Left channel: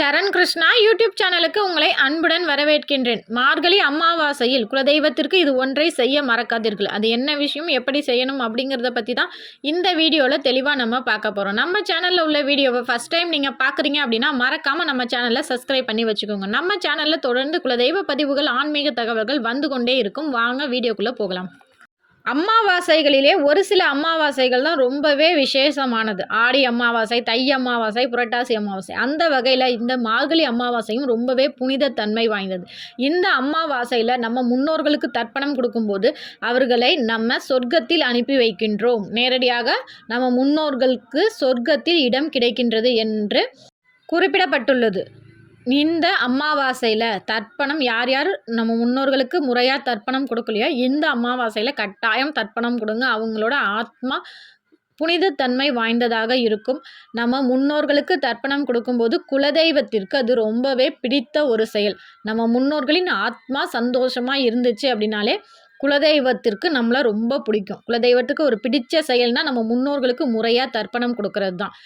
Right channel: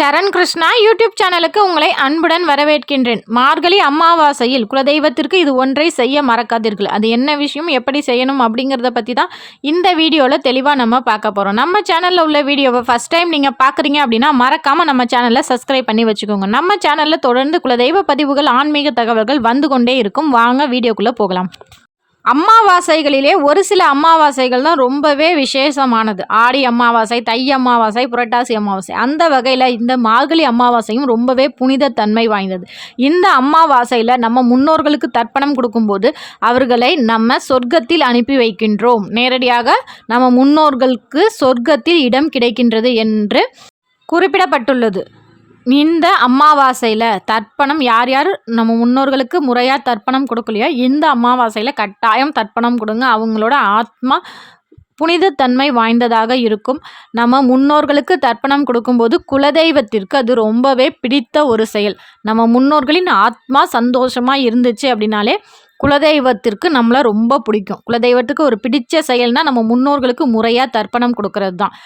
சரண் Krishna YouTube சேனலுக்கு உங்களை அன்புடன் வரவேற்கின்றேன். மார்கழி அமாவாசையில் குலதெய்வத்திற்கு இது ஒன்றை செய்ய மறக்காதீர்கள். அது என்ன விஷயம், எப்படி செய்யணும் அப்படிங்கிறத பற்றி தான் இந்த வீடியோவில் தெளிவாக நம்ம பார்க்க போகிறோம். நம்ம சேனலில் உள்ள வீடியோவை ஃபஸ்ட் டைம் நீங்கள் பார்க்குறீங்க அப்படின்னா மறக்காமல் நம்ம சேனலை சப்ஸ்கிரைப் பண்ணி வச்சுக்கோங்க. நம்ம சேனலில் தொடர்ந்து குலதெய்வ பதிவுகள், ஆன்மீக தகவல்கள் வந்து கொண்டே இருக்கும். வாங்க வீடியோக்குள்ளே போகலாம். அமாவாசைகளிலே ஒரு சில அமாவாசைகள் தான் ரொம்பவே விசேஷமானது. ஆடி அமாவாசை, தை அமாவாசை, புரட்டாசி அமாவாசை. அந்த வகையில் இந்த மார்கழி அமாவாசையும் ரொம்பவே புனித தன்மை வாய்ந்தது. இந்த அமாவாசையில் நம்ம முன்னோர்களுக்கு தர்ப்பணம் கொடுக்கும்போது அவர்களை நம்ம சொர்க்கத்தில் அனுப்பி வைக்கின்றோம். நேரடியாக நம்ம முன்னோர்களுக்கு சொர்க்கத்தில் இடம் கிடைக்கின்றது என்று குறிப்பிடப்பட்டுள்ளது. இந்த அமாவாசையில் தர்ப்பணம் யார் யார் நம்ம முன்னோர்களுக்கு முறையாக தர்ப்பணம் கொடுக்கலையோ இந்த அமாவாசையில் கட்டாயம் தர்ப்பணம் கொடுங்க. அவங்களோட ஆத்மா புனிதத்தன்மை வாய்ந்ததாக இருக்கும். நம்ம முன்னோர்களுக்கு தர்ப்பணம் கொடுக்கும்போது குலதெய்வத்திற்கு அது ரொம்பவே பிடித்த ஒரு செயல். நம்ம முன்னோர்களின் ஆத்மா சந்தோஷமாக இருந்துச்சு அப்படின்னாலே குலதெய்வத்திற்கு நம்மளை ரொம்ப பிடிக்கும். குலதெய்வத்துக்கு ஒரு பிடிச்ச செயல்னால் நம்ம முன்னோர்களுக்கு முறையாக தர்ப்பணம் கொடுக்கறது தான்.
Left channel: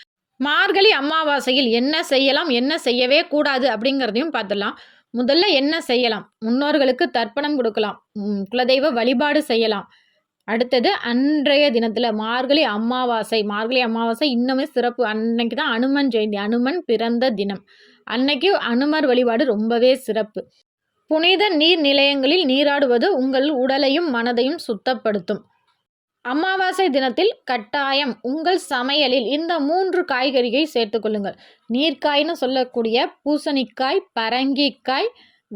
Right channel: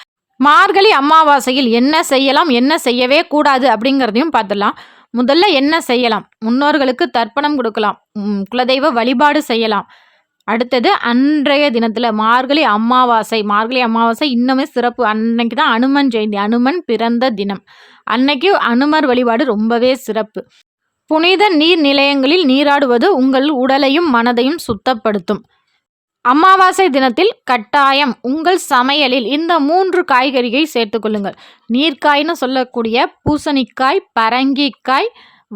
மார்கழி அமாவாசையில் என்ன செய்யலாம், என்ன செய்யவே கூடாது அப்படிங்கிறதையும் பார்த்துடலாம். முதல்ல என்ன செய்யலாம்? முன்னோர்களுக்கு தர்ப்பணம் கொடுக்கலாம், குலதெய்வ வழிபாடு செய்யலாம். அடுத்தது அன்றைய தினத்தில் மார்கழி அமாவாசை இன்னுமே சிறப்பு. அன்னைக்கு தான் அனுமன் ஜெயந்தி, அனுமன் பிறந்த தினம். அன்னைக்கு அனுமர் வழிபாடு ரொம்பவே சிறப்பு. புனித நீர் நிலையங்களில் நீராடுவது உங்கள் உடலையும் மனதையும் சுத்தப்படுத்தும். அமாவாசை தினத்தில் கட்டாயம் உங்கள் சமையலில் இந்த 3 காய்கறியை சேர்த்துக்கொள்ளுங்கள். நீர்க்காய்னு சொல்லக்கூடிய பூசணிக்காய், பரங்கிக்காய்,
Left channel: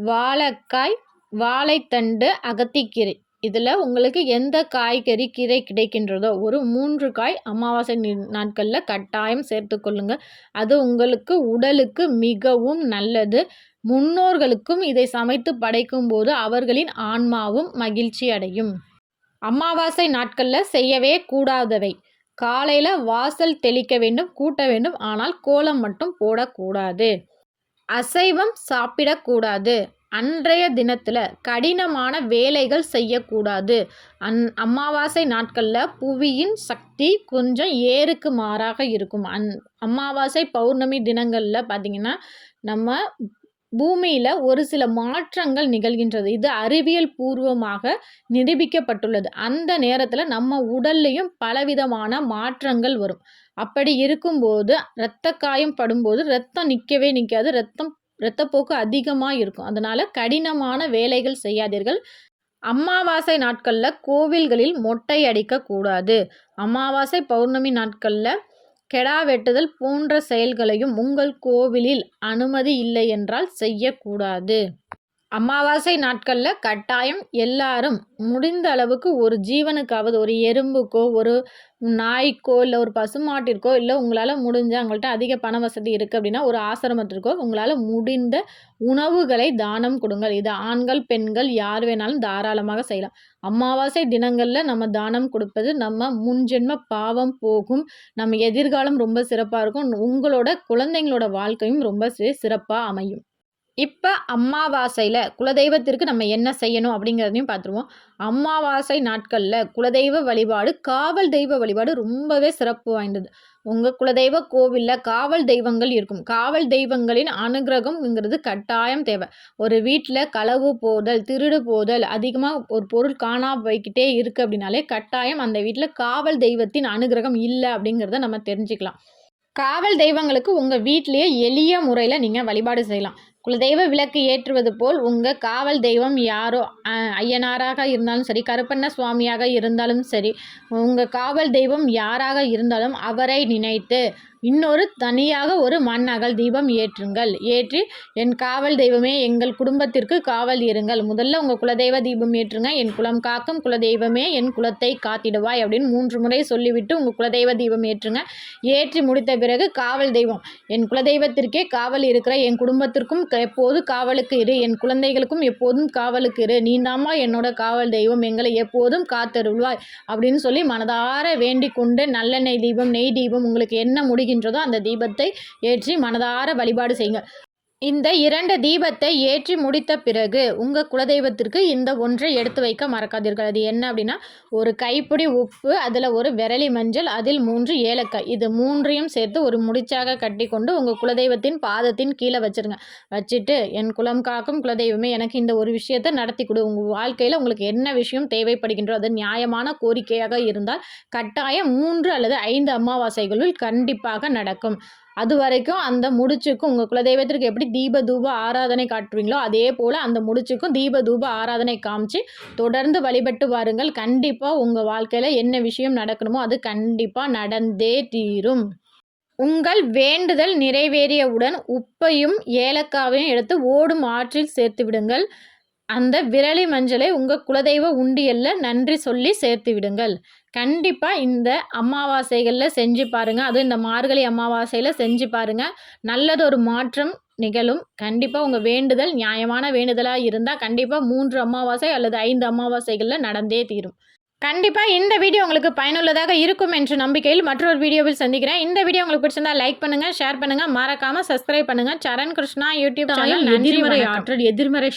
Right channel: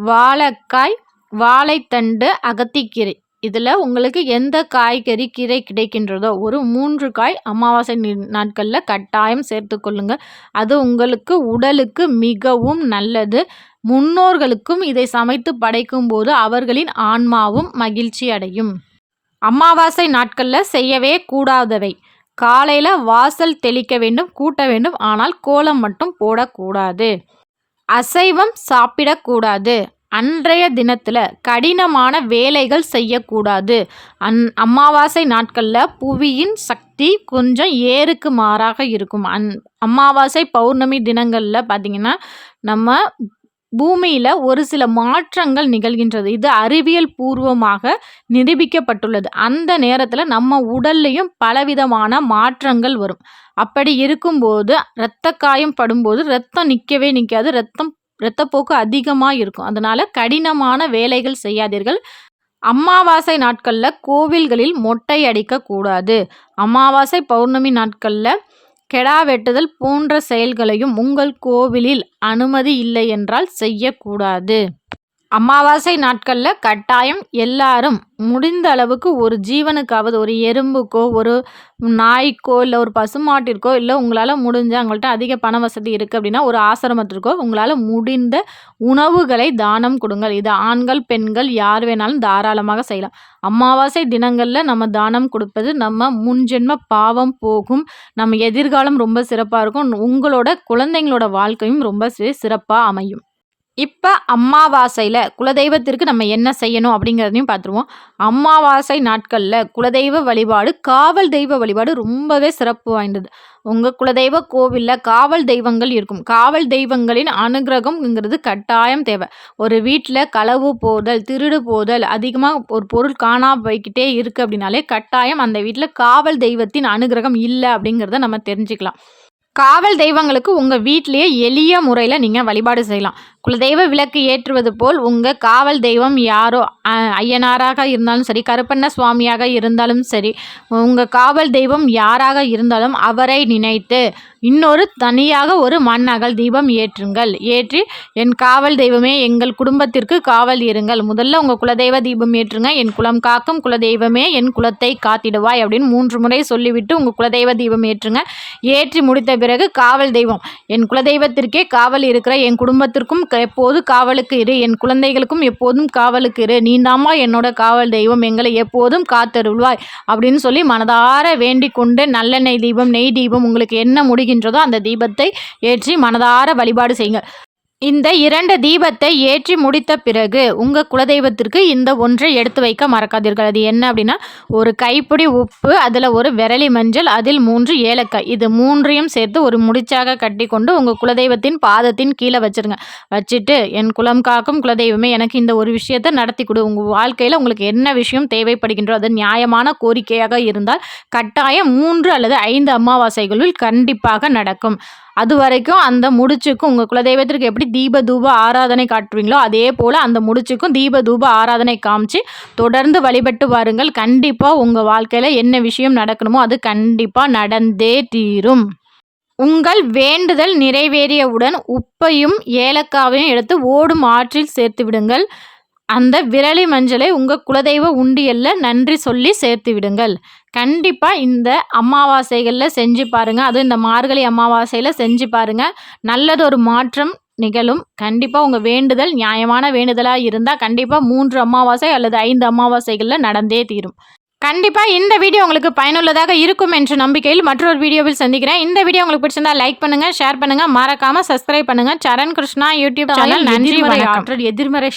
வாழைக்காய், வாழைத்தண்டு, அகத்திக்கீரை. இதில் உங்களுக்கு எந்த காய்கறி கீரை கிடைக்கின்றதோ ஒரு 3 காய் அமாவாசை நாட்களில் கட்டாயம் சேர்த்துக்கொள்ளுங்க. அது உங்களுக்கு உடலுக்கு மிகவும் நல்லது. முன்னோர்களுக்கும் இதை சமைத்து படைக்கும் போது அவர்களின் ஆன்மாவும் மகிழ்ச்சி அடையும். அமாவாசை நாட்களில் செய்யவே கூடாதவை: காலையில் வாசல் தெளிக்க வேண்டும், கூட்ட வேண்டும், ஆனால் கோலம் மட்டும் போடக்கூடாது. அசைவம் சாப்பிடக்கூடாது. அன்றைய தினத்தில் கடினமான வேலைகள் செய்யக்கூடாது. அமாவாசை நாட்களில் புவியின் சக்தி கொஞ்சம் ஏறுக்கு மாறாக இருக்கும். அமாவாசை பௌர்ணமி தினங்களில் பார்த்திங்கன்னா நம்ம பூமியில் ஒரு சில மாற்றங்கள் நிகழ்கின்றது. இது அறிவியல் பூர்வமாக நிரூபிக்கப்பட்டுள்ளது. அந்த நேரத்தில் நம்ம உடல்லையும் பலவிதமான மாற்றங்கள் வரும். அப்படி இருக்கும்போது இரத்த காயம் படும்போது ரத்தம் நிற்கவே நிற்காது, இரத்தப்போக்கு அதிகமாக இருக்கும். அதனால் கடினமான வேலைகள் செய்யாதீர்கள். அமாவாசை நாட்களில் கோவில்களில் மொட்டை அடிக்கக்கூடாது. அமாவாசை பௌர்ணமி நாட்களில் கெடா வெட்டுதல் போன்ற செயல்களையும் உங்கள் கோவிலில் அனுமதி இல்லை என்றால் செய்யக்கூடாது. அமாவாசை நாட்களில் கட்டாயம் எல்லாரும் முடிந்த அளவுக்கு ஒரு ஜீவனுக்காவது, ஒரு எறும்புக்கோ, ஒரு நாய்க்கோ, இல்லை ஒரு பசுமாட்டிற்கோ, இல்லை உங்களால் முடிஞ்ச, அவங்கள்ட்ட அதிக பண வசதி இருக்குது அப்படின்னா ஒரு ஆசிரமத்திற்கோ உங்களால் முடிந்த உணவுகளை தானம் கொடுங்கள். இது ஆண்கள் பெண்கள் யார் வேணாலும் தாராளமாக செய்யலாம். அமாவாசை தினங்களில் நம்ம தானம் கொடுப்பது நம்ம முன்ஜென்ம பாவம் போகும். நம்ம எதிர்காலம் ரொம்ப சிறப்பாக இருக்கும். உங்களோட குழந்தைங்களோட வாழ்க்கையும் ரொம்ப சிறப்பாக அமையும். இப்போ அமாவாசையில் குலதெய்வத்திற்கு நம்ம என்ன செய்யணும் அப்படிங்கிறதையும் பார்த்துருவோம். அமாவாசை நாட்களில் குலதெய்வ வழிபாடு, காவல் தெய்வ வழிபாடு ரொம்பவே சிறப்பு வாய்ந்தது. உங்கள் குலதெய்வ கோவிலில் காவல் தெய்வங்கள் இருக்கும். காவல் தெய்வங்களின் அனுகிரகம்ங்கிறது கட்டாயம் தேவை. ஒரு வீட்டில் களவு போதல், திருடு போதல், அதிகமாக ஒரு பொருள் காணாமல் போய்கிட்டே இருக்குது அப்படின்னாலே கட்டாயம் அந்த வீட்டில் காவல் தெய்வத்தின் அனுகிரகம் இல்லை அப்படிங்கிறத நம்ம தெரிஞ்சுக்கலாம். காவல் தெய்வங்களுக்கு உங்கள் வீட்டிலேயே எளிய முறையில் நீங்கள் வழிபாடு செய்யலாம். குலதெய்வ விளக்கு ஏற்றுவது போல் உங்கள் காவல் தெய்வம் யாரோ, ஐயனாராக இருந்தாலும் சரி, கருப்பண்ண சுவாமியாக இருந்தாலும் சரி, உங்கள் காவல் தெய்வம் யாராக இருந்தாலும் அவரை நினைத்து இன்னொரு தனியாக ஒரு மண் அகல் தீபம் ஏற்றுங்கள். ஏற்றி என் காவல் தெய்வமே, எங்கள் குடும்பத்திற்கு காவல் இருங்கள். முதல்ல உங்கள் குலதெய்வ தீபம் ஏற்றுங்க. என் குலம் காக்கும் குலதெய்வமே, என் குலத்தை காத்திடுவாய் அப்படின்னு 3 முறை சொல்லிவிட்டு உங்கள் குலதெய்வ தீபம் ஏற்றுங்க. ஏற்றி முடித்த பிறகு காவல் தெய்வம், என் குலதெய்வத்திற்கே காவல் இருக்கிற என் குடும்பத்திற்கும் எப்போதும் காவலுக்கு இரு, என் குழந்தைகளுக்கும் எப்போதும் காவலுக்கு இரு, நீதாம்மா என்னோட காவல் தெய்வம், எங்களை எப்போதும் காத்தருள்வாய் அப்படின்னு சொல்லி மனதார வேண்டிக் கொண்டு நல்லெண்ணெய் தீபம், நெய் தீபம் உங்களுக்கு என்ன முடிகின்றதோ அந்த தீபத்தை ஏற்றி மனதார வழிபாடு செய்யுங்க. இந்த 2 தீபத்தை ஏற்றி முடித்த பிறகு உங்கள் குலதெய்வத்திற்கு இந்த ஒன்றை எடுத்து வைக்க மறக்காதீர்கள். அது என்ன அப்படின்னா, ஒரு கைப்பிடி உப்பு, அதில் ஒரு விரலி மஞ்சள், அதில் 3 ஏலக்காய். இது 3ஐயும் சேர்த்து ஒரு முடிச்சாக கட்டி கொண்டு உங்கள் குலதெய்வத்தின் பாதத்தின் கீழே வச்சுருங்க. வச்சுட்டு, என் குலம் காக்கும் குலதெய்வமே, எனக்கு இந்த ஒரு விஷயத்தை நடத்தி கொடு. உங்கள் வாழ்க்கையில் உங்களுக்கு என்ன விஷயம் தேவைப்படுகின்றோ அது நியாயமான கோரிக்கையாக இருந்தால் கட்டாயம் 3 அல்லது 5 அமாவாசைகளில் கண்டிப்பாக நடக்கும். அது வரைக்கும் அந்த முடிச்சுக்கும் உங்கள் குலதெய்வத்திற்கு எப்படி தீப தூப ஆராதனை காட்டுவீங்களோ அதே போல் அந்த முடிச்சுக்கும் தீப தூப ஆராதனை காமிச்சு தொடர்ந்து வழிபட்டு வாருங்கள். கண்டிப்பாக உங்கள் வாழ்க்கையில் என்ன விஷயம் நடக்கணுமோ அது கண்டிப்பாக நடந்தே தீரும். உங்கள் வேண்டுதல் நிறைவேறியவுடன் உப்பையும் ஏலக்காவையும் எடுத்து ஓடும் ஆற்றில் சேர்த்து விடுங்கள். அந்த விரலி மஞ்சளை உங்கள் குலதெய்வ உண்டியலில் நன்றி சொல்லி சேர்த்து விடுங்கள். கண்டிப்பாக இந்த அமாவாசைகளில் செஞ்சு பாருங்கள். அதுவும் இந்த மார்கழி அமாவாசையில் செஞ்சு பாருங்கள். நல்லது ஒரு மாற்றம் நிகழும். கண்டிப்பாக உங்கள் வேண்டுதல் நியாயமான வேண்டுதலாக இருந்தால் கண்டிப்பாக 3 அமாவாசை அல்லது 5 அமாவாசைகளில் நடந்தே தீரும். கண்டிப்பாக இந்த வீடியோ உங்களுக்கு பயனுள்ளதாக இருக்கும் என்ற நம்பிக்கையில் மற்றொரு வீடியோவில் சந்திக்கிறேன். இந்த வீடியோ உங்களுக்கு பிடிச்சிருந்தா லைக் பண்ணுங்கள், ஷேர் பண்ணுங்கள், மறக்காமல் சப்ஸ்கிரைப் பண்ணுங்கள். சரண் கிருஷ்ணா யூடியூப் சேனல். நன்றி, வணக்கம். எதிர்மறை